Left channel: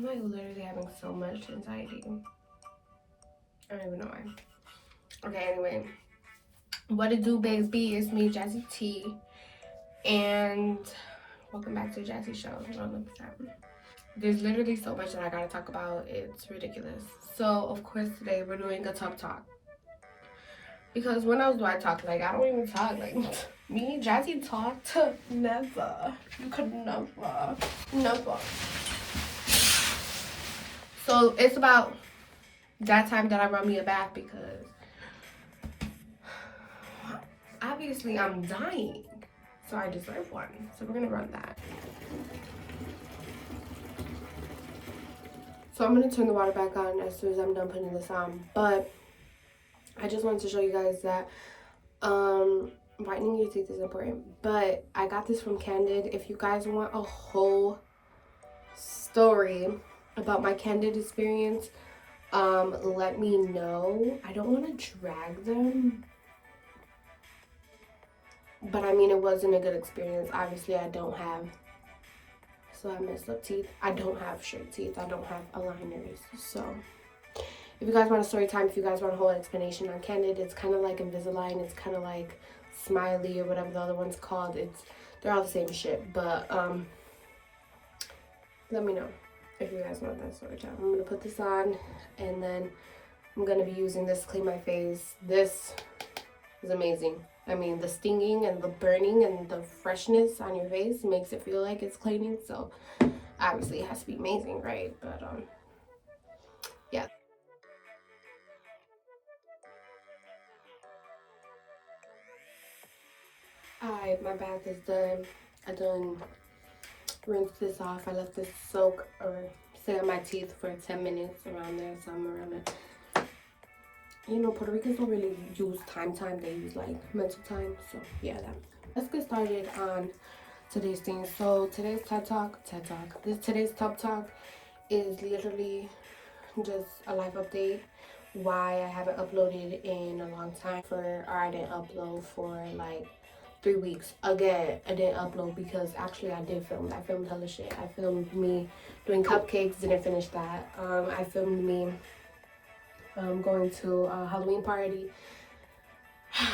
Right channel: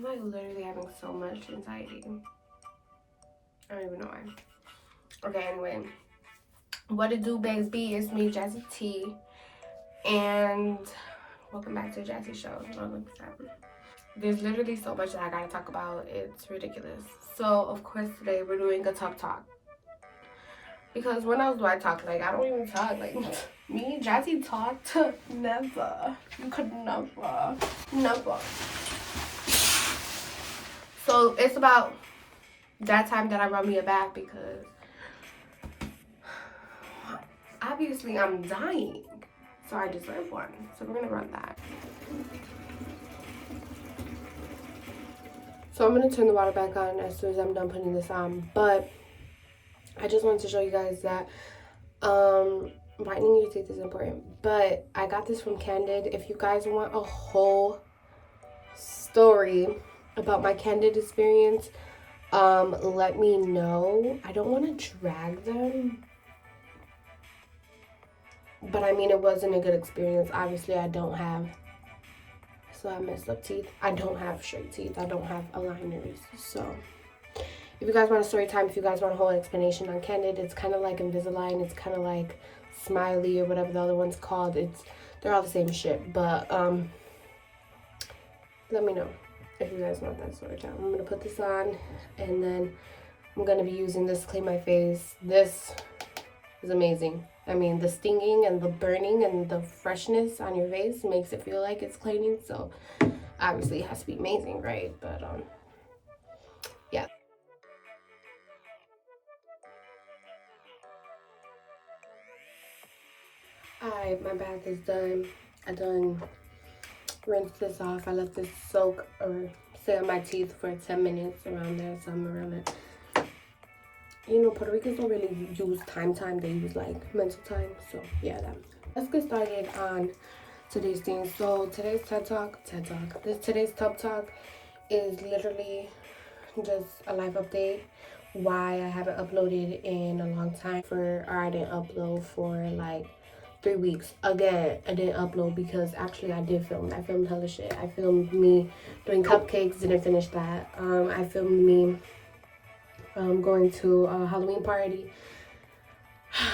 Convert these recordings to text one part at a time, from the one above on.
I'm like literally having so much anxiety. I don't even know why. Okay, anyway. What it do, Bags B? It's me, JazzyT. And welcome back to the Jazzy Show. There's literally so much that I gotta talk about. It's ridiculous. So, of course, today we're doing a talk. Because when else do I talk? Like, I don't even talk. Like, me and Jazzy talked. Never. You could never. Never. So, it's about that time that I run me a bath because obviously I'm dying. So, I deserve one. So, we're gonna run that. So, I'm gonna turn the water back on as soon as I'm done putting this on. But I just wanted to show you guys that whitening your teeth is important. But I got this from Candid. If you guys want a whole story about my Candid experience, let me know. I don't want to drag them, but I mean, it wasn't a good experience. Obviously, I don't have, so I messed up teeth. I don't have straight teeth. I don't have aligners. So if you guys want a story time, if you guys want a whole explanation on Candid, it's kind of like Invisalign. It's kind of like Smiley or whatever the other one's called. They're all the same shit. But let me know if you guys want that story time. I'm gonna put this on, and then I'm gonna be using this to clean my face. This is amazing. I mean, the stinging and the burning and the freshness on your face makes it feel like it's cleaning. So obviously it has to be amazing, right? But yeah. Alright, my bath is done. I done rinsed this off. I left this soak or stay on my teeth for 10 minutes around there, somewhere around it. You know, Puerto Ricans don't really use time. They use like mental time. So yeah, that. Let's get started on today's thing. So today's today's Tub Talk is literally just a life update. Why I haven't uploaded in a long time or I didn't upload for like 3 weeks. Again, I didn't upload because actually I did film. I filmed hella shit. I filmed me doing cupcakes, didn't finish that. I filmed me going to a Halloween party.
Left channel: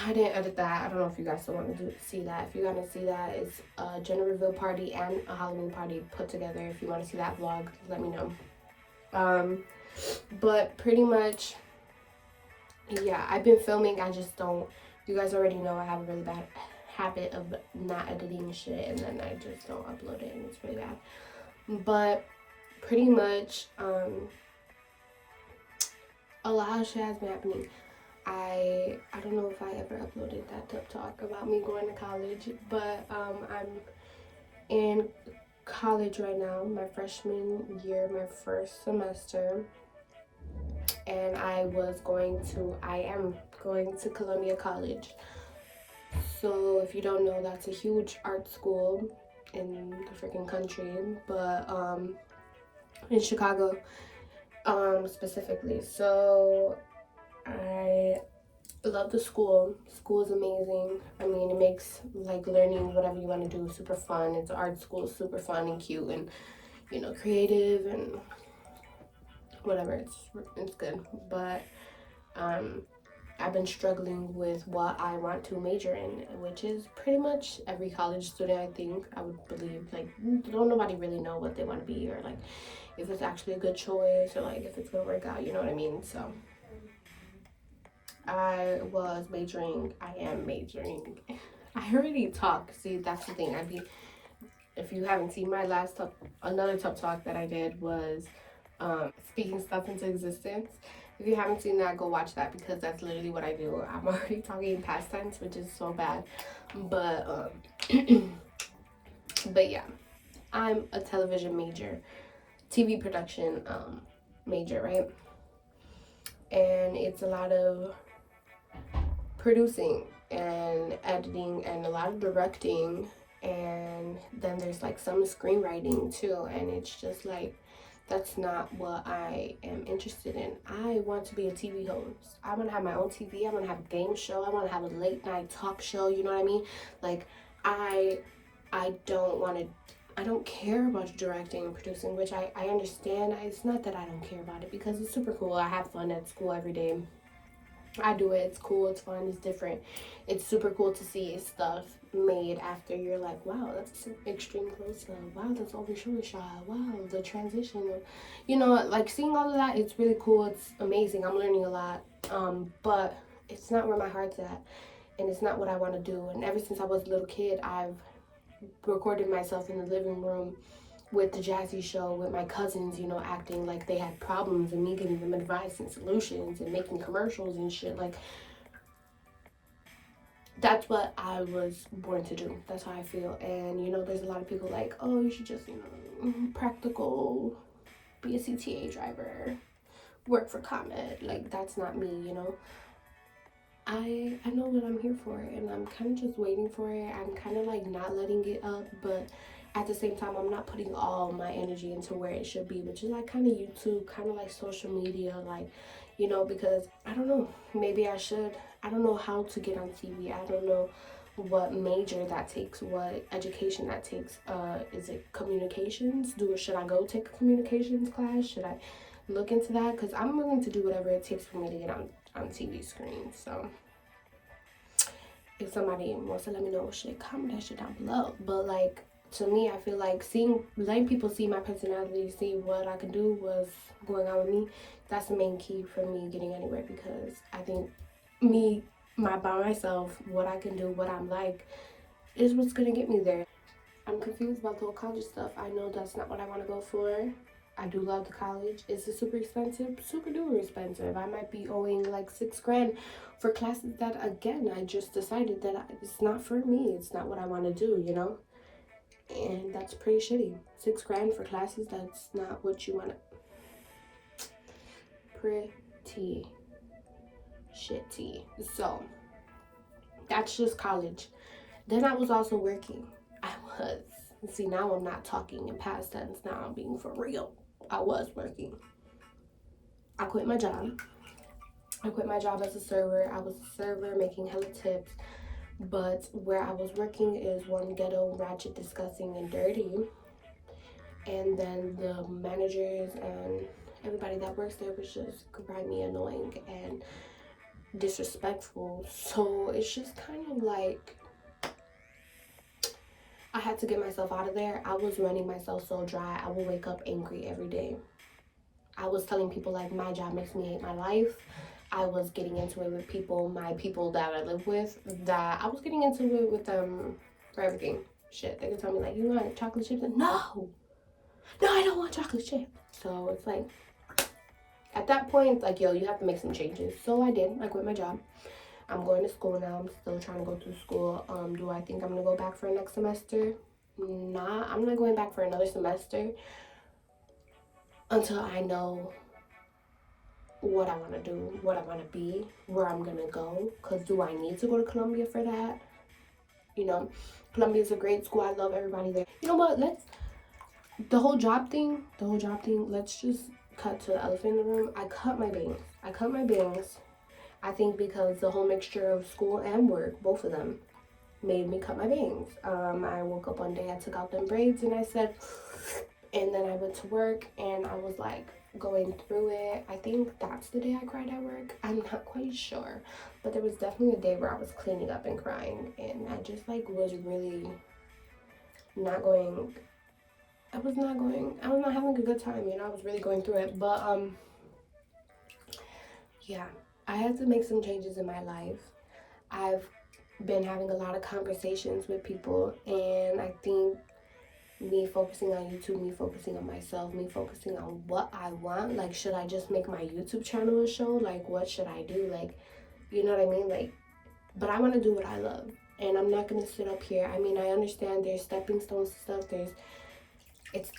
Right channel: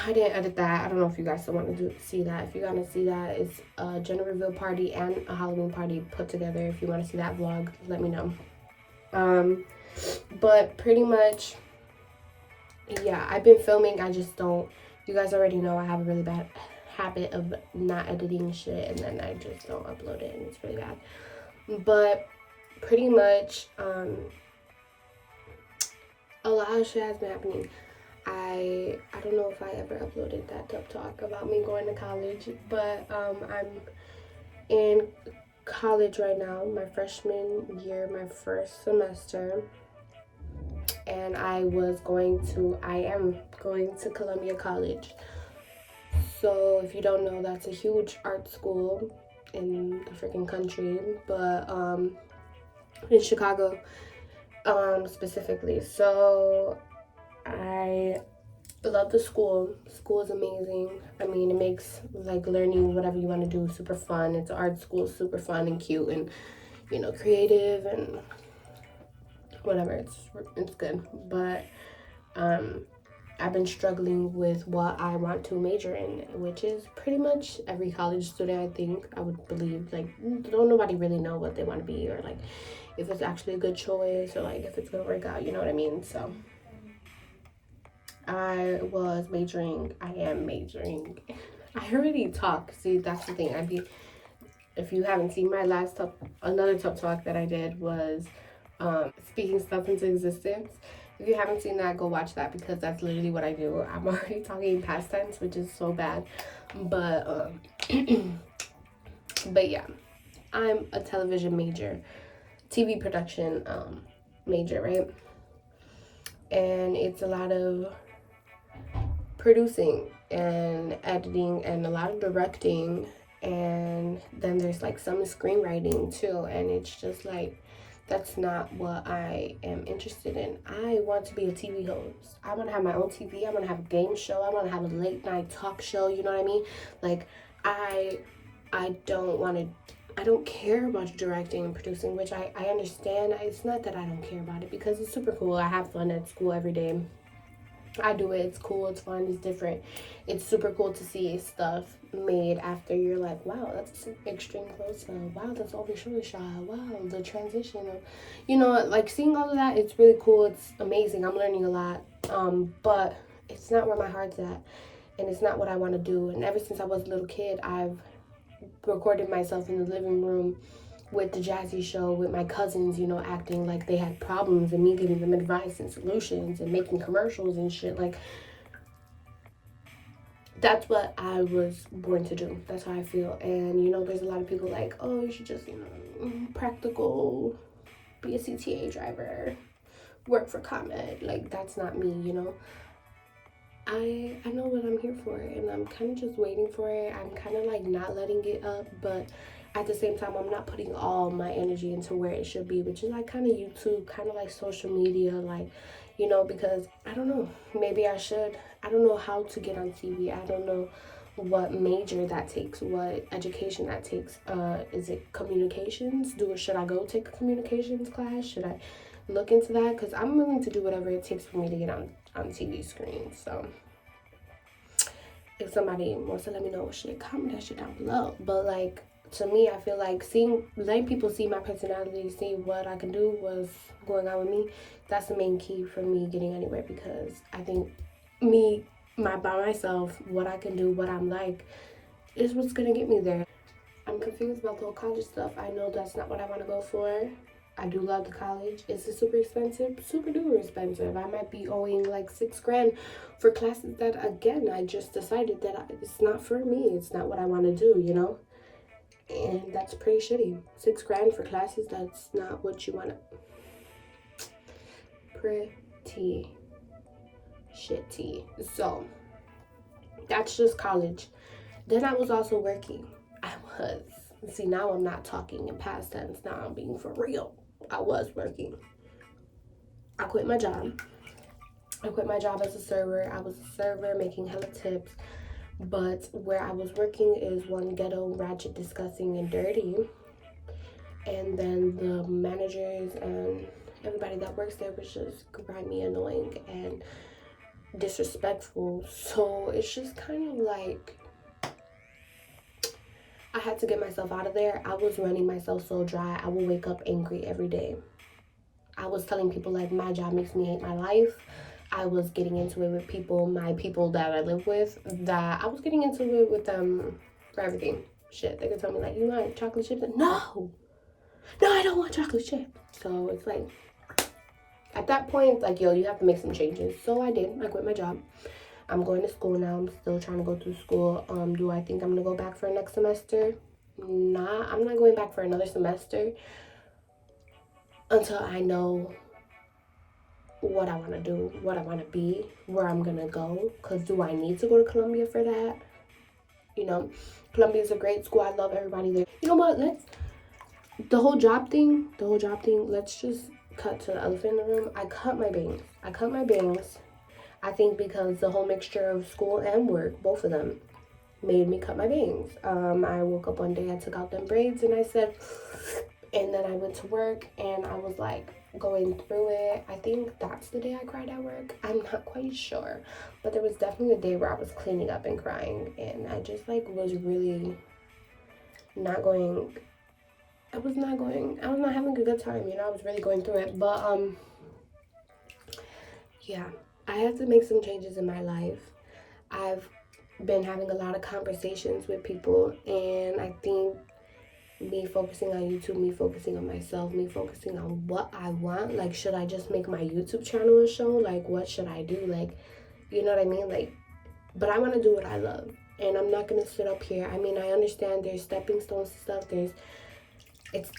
I didn't edit that. I don't know if you guys still want to see that. If you want to see that, it's a gender reveal party and a Halloween party put together. If you want to see that vlog, let me know. But pretty much, yeah, I've been filming. I just don't. You guys already know I have a really bad habit of not editing shit, and then I just don't upload it, and it's really bad. But pretty much, a lot of shit has been happening. I don't know if I ever uploaded that Tub Talk about me going to college, but I'm in college right now, my freshman year, my first semester, and I am going to Columbia College. So if you don't know, that's a huge art school in the freaking country, but in Chicago specifically. So I love the school. School is amazing. I mean, it makes like learning whatever you want to do super fun. It's an art school, super fun and cute and, you know, creative and whatever. It's good. But I've been struggling with what I want to major in, which is pretty much every college student, I think. I would believe, like, don't nobody really know what they want to be, or like if it's actually a good choice, or like if it's gonna work out, you know what I mean? So I am majoring. I already talk. See, that's the thing. If you haven't seen my another Tub Talk that I did was speaking stuff into existence. If you haven't seen that, go watch that because that's literally what I do. I'm already talking in past tense, which is so bad. But but yeah, I'm a television major, TV production major, right? And it's a lot of producing and editing and a lot of directing, and then there's like some screenwriting too, and it's just like that's not what I am interested in. I want to be a TV host. I want to have my own TV. I want to have a game show. I want to have a late night talk show. You know what I mean? Like I don't want to. I don't care about directing and producing, which I understand. It's not that I don't care about it, because it's super cool. I have fun at school every day. I do it. It's cool. It's fun. It's different. It's super cool to see stuff made after you're like, wow, that's extreme close up. Wow, that's over shoulder shot. Wow, the transition of, like seeing all of that. It's really cool. It's amazing. I'm learning a lot. But it's not where my heart's at, and it's not what I want to do. And ever since I was a little kid, I've recorded myself in the living room with the JazzyT show with my cousins, acting like they had problems and me giving them advice and solutions and making commercials and shit. Like, that's what I was born to do. That's how I feel. And, there's a lot of people like, oh, you should just, practical, be a CTA driver, work for Candid. Like, that's not me, I know what I'm here for, and I'm kind of just waiting for it. I'm kind of like not letting it up, but at the same time, I'm not putting all my energy into where it should be, which is like kind of YouTube, kind of like social media, like, because I don't know, maybe I should. I don't know how to get on TV. I don't know what major that takes, what education that takes. Is it communications? Should I go take a communications class? Should I look into that? Because I'm willing to do whatever it takes for me to get on TV screens. So if somebody wants to let me know, shit, comment that shit down below. But like, to me, I feel like letting people see my personality, see what I can do, what's going on with me, that's the main key for me getting anywhere. Because I think by myself, what I can do, what I'm like, is what's gonna get me there. I'm confused about the whole college stuff. I know that's not what I want to go for. I do love the college. Is it super expensive? Super duper expensive. I might be owing like $6,000 for classes that, again, I just decided that it's not for me. It's not what I want to do, And that's pretty shitty. $6,000 for classes that's not what you want to. Pretty shitty. So that's just college. Then I was also working. See, now I'm not talking in past tense. Now I'm being for real. I was working. I quit my job. As a server. I was a server making hella tips. But where I was working is one ghetto, ratchet, disgusting, and dirty. And then the managers and everybody that works there was just grimy, annoying, and disrespectful. So it's just kind of like I had to get myself out of there. I was running myself so dry. I would wake up angry every day. I was telling people like my job makes me hate my life. I was getting into it with my people that I live with, that I was getting into it with them for everything. Shit, they could tell me like, you want chocolate chips? No, I don't want chocolate chips. So it's like, at that point, like, yo, you have to make some changes. So I did. I quit my job. I'm going to school now. I'm still trying to go through school. Do I think I'm gonna go back for next semester? Nah, I'm not going back for another semester until I know what I want to do, what I want to be, where I'm gonna go. Because do I need to go to Columbia for that? Columbia is a great school. I love everybody there. You know what? The whole job thing, let's just cut to the elephant in the room. I cut my bangs. I think because the whole mixture of school and work, both of them, made me cut my bangs. I woke up one day, I took out them braids, and I said, and then I went to work, and I was like going through it. I think that's the day I cried at work. I'm not quite sure, but there was definitely a day where I was cleaning up and crying, and I just like was really not going. I was not having a good time. I was really going through it, but yeah, I had to make some changes in my life. I've been having a lot of conversations with people, and I think me focusing on YouTube, me focusing on myself, me focusing on what I want, like, should I just make my YouTube channel a show? Like, what should I do? Like, you know what I mean? Like, but I want to do what I love, and I'm not gonna sit up here. I mean, I understand there's stepping stones and stuff,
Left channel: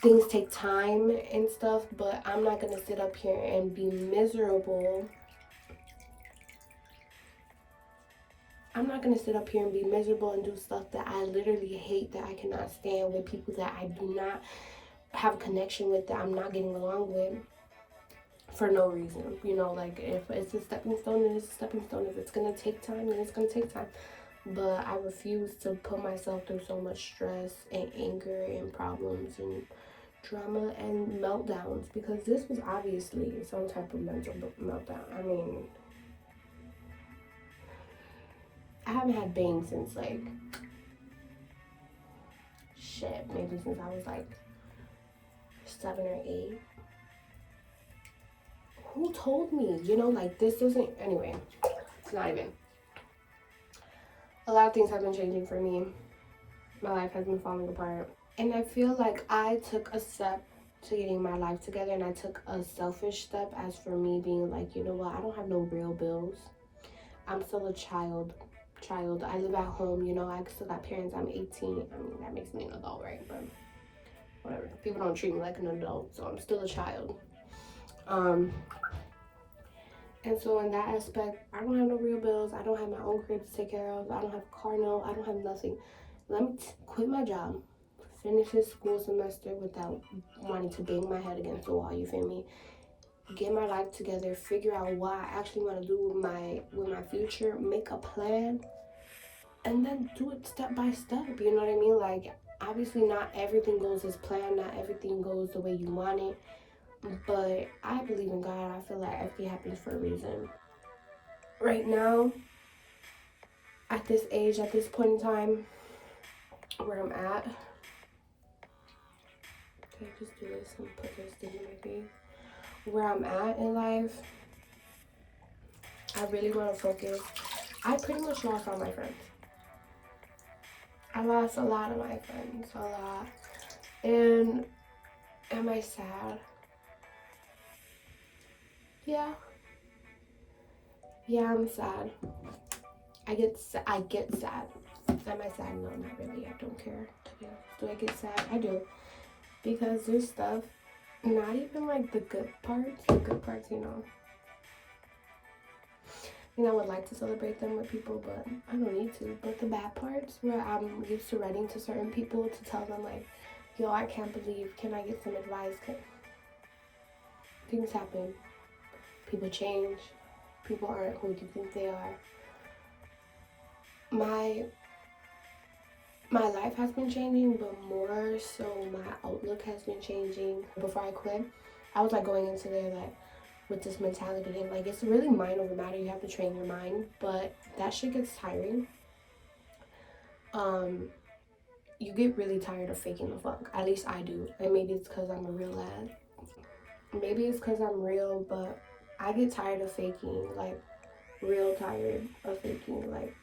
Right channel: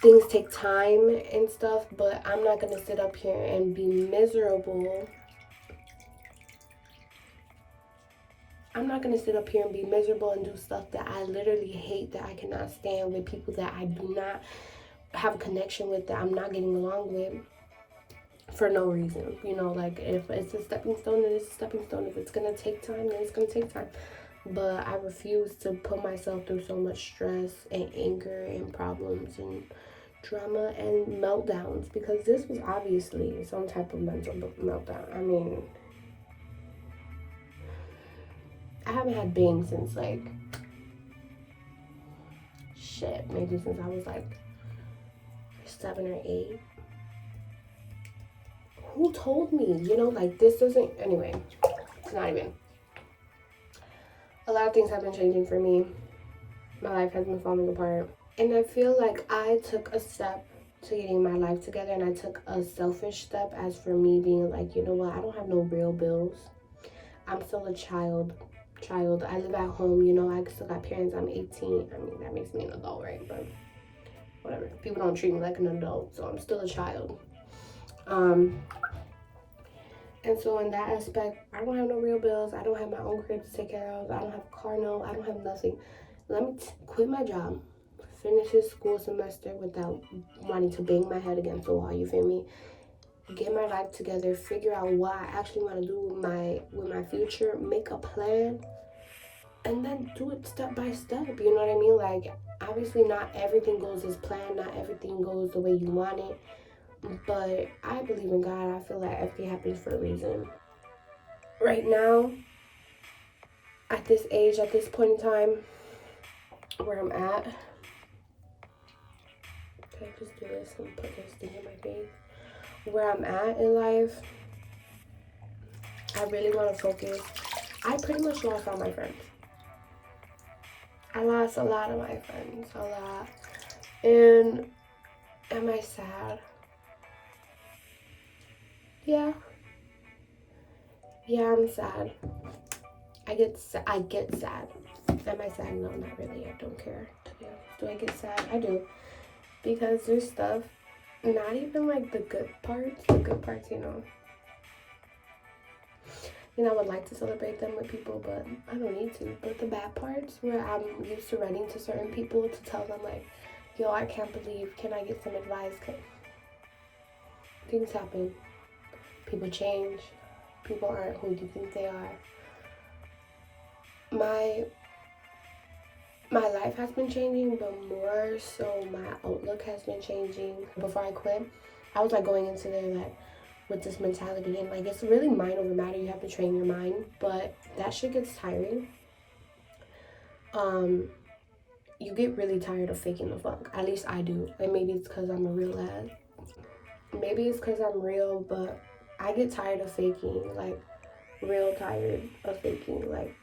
things take time and stuff, but I'm not gonna sit up here and be miserable. I'm not gonna sit up here and be miserable and do stuff that I literally hate, that I cannot stand, with people that I do not have a connection with, that I'm not getting along with, for no reason. Like, if it's a stepping stone, then it's a stepping stone. If it's gonna take time, then it's gonna take time. but I refuse to put myself through so much stress and anger and problems and drama and meltdowns, because this was obviously some type of mental meltdown. I mean, I haven't had bangs since like shit, maybe since I was like 7 or 8. Who told me? You know, like this doesn't. Anyway, it's not even. A lot of things have been changing for me. My life has been falling apart. And I feel like I took a step to getting my life together, and I took a selfish step as for me being like, you know what, I don't have no real bills. I'm still a child. I live at home, you know, I still got parents. I'm 18. I mean, that makes me an adult, right? But whatever. People don't treat me like an adult, so I'm still a child. And so in that aspect, I don't have no real bills. I don't have my own crib to take care of. I don't have a car note. I don't have nothing. Let me quit my job, finish this school semester without wanting to bang my head against the wall, you feel me? Get my life together, figure out what I actually want to do with my future, make a plan, and then do it step by step, you know what I mean? Like, obviously not everything goes as planned, not everything goes the way you want it, but I believe in God. I feel like everything happens for a reason. Right now, at this age, at this point in time, where I'm at, can I just do this and put this thing in my face? Where I'm at in life, I really want to focus. I pretty much lost all my friends. I lost a lot of my friends, a lot. And am I sad? Yeah. Yeah, I'm sad. I get sad. Am I sad? No, not really. I don't care. Do I get sad? I do. Because there's stuff, not even like the good parts, you know, I would like to celebrate them with people, but I don't need to. But the bad parts, where I'm used to writing to certain people to tell them like, yo, I can't believe, can I get some advice? Things happen. People change. People aren't who you think they are. My life has been changing, but more so my outlook has been changing. Before I quit, I was like going into there like with this mentality, and like it's really mind over matter. You have to train your mind, but that shit gets tiring. You get really tired of faking the funk. At least I do. And maybe it's because I'm a real lad. Maybe it's because I'm real, but I get tired of faking. Like, real tired of faking. Like,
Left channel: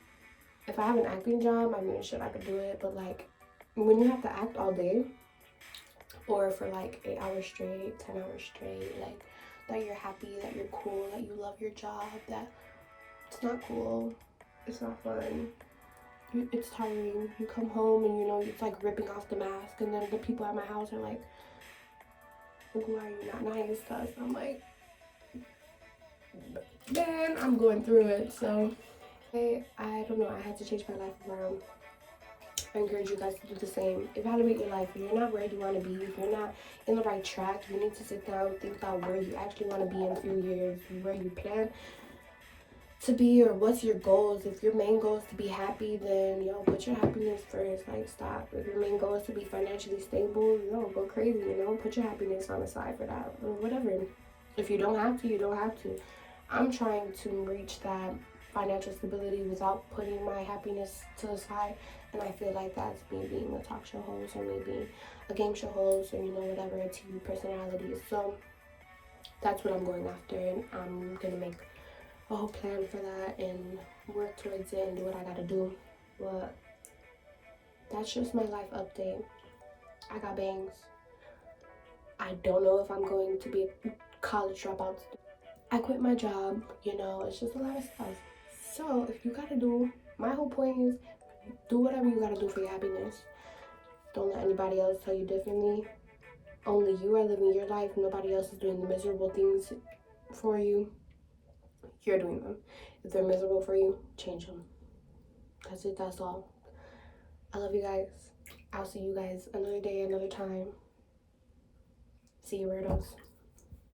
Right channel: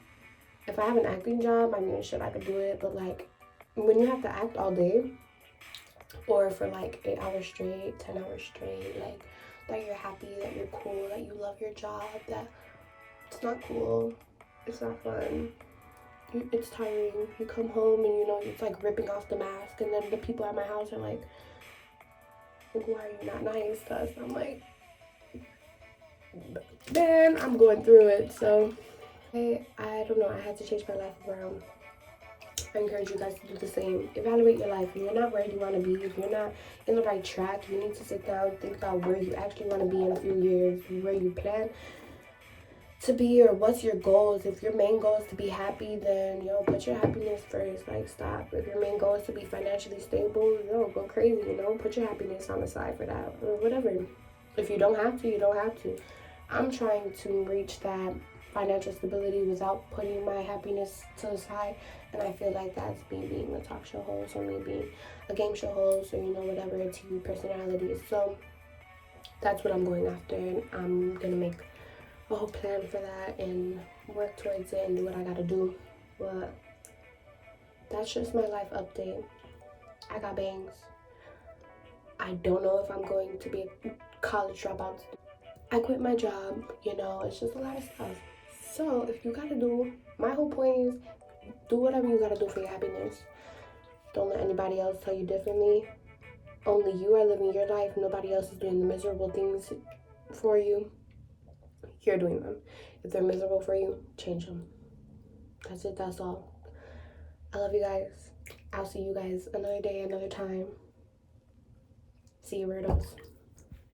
if I have an acting job, I mean, shit, I could do it. But like, when you have to act all day, or for like 8 hours straight, 10 hours straight, like, that you're happy, that you're cool, that you love your job, that it's not cool, it's not fun. It's tiring. You come home and, you know, it's like ripping off the mask, and then the people at my house are like, why are you not nice to us? I'm like, man, I'm going through it. So I don't know, I had to change my life around. I encourage you guys to do the same. Evaluate your life. If you're not where you want to be, if you're not in the right track, you need to sit down, think about where you actually want to be in a few years, where you plan to be, or what's your goals. If your main goal is to be happy, then put your happiness first. Like, stop. If your main goal is to be financially stable, go crazy, put your happiness on the side for that, or whatever. If you don't have to, you don't have to. I'm trying to reach that financial stability without putting my happiness to the side, and I feel like that's me being a talk show host, or me being a game show host, or whatever, a TV personality. So that's what I'm going after, and I'm gonna make a whole plan for that and work towards it and do what I gotta do. But that's just my life update. I got bangs. I don't know if I'm going to be a college dropout. I quit my job, it's just a lot of stuff. So if you gotta do, my whole point is, do whatever you gotta do for your happiness. Don't let anybody else tell you differently. Only you are living your life. Nobody else is doing the miserable things for you. You're doing them. If they're miserable for you, change them. That's it. That's all. I love you guys. I'll see you guys another day, another time. See you, weirdos.